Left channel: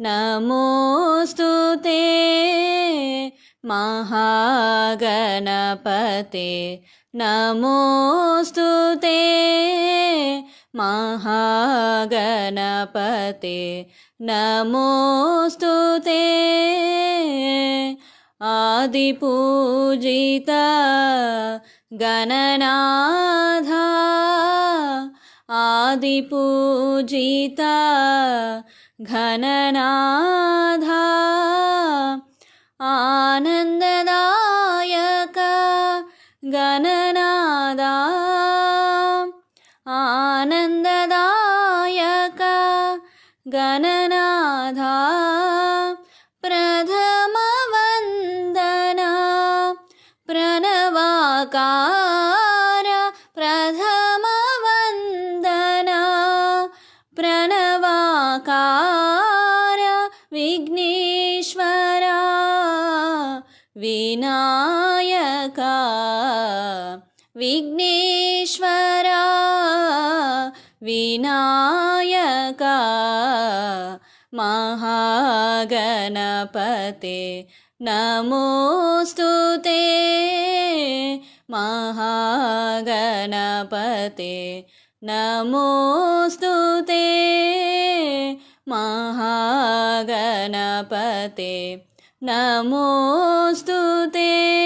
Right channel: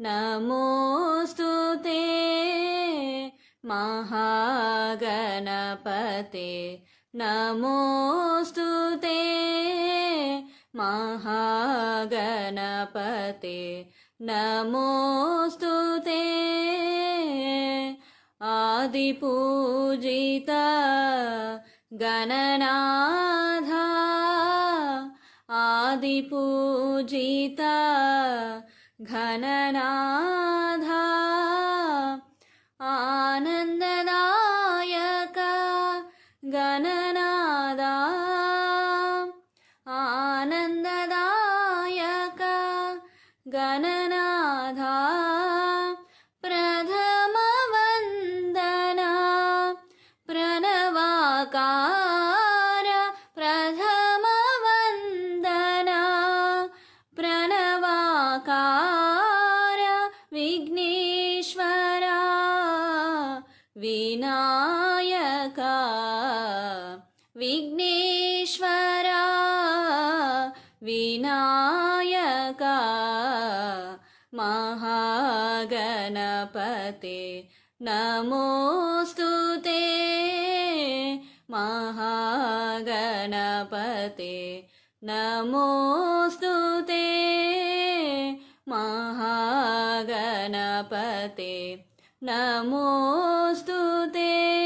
नमोऽस्तु ते महागणपते नमोऽस्तु ते महागणपते नमोऽस्तु ते आदिपूजिता गणनाथा आदिपूजिता घननाथा आनन्ददायक गणनादा आनन्ददायक गणनाथा प्रथमवन्दना प्रणवाकार प्रथमवन्दना प्रणवाकार विघ्नेश्वरा विनायका विघ्नेश्वरा विनायका महागणपते नमोऽस्तु ते महागणपते नमोऽस्तु ते महागणपते नमोऽस्तु ते।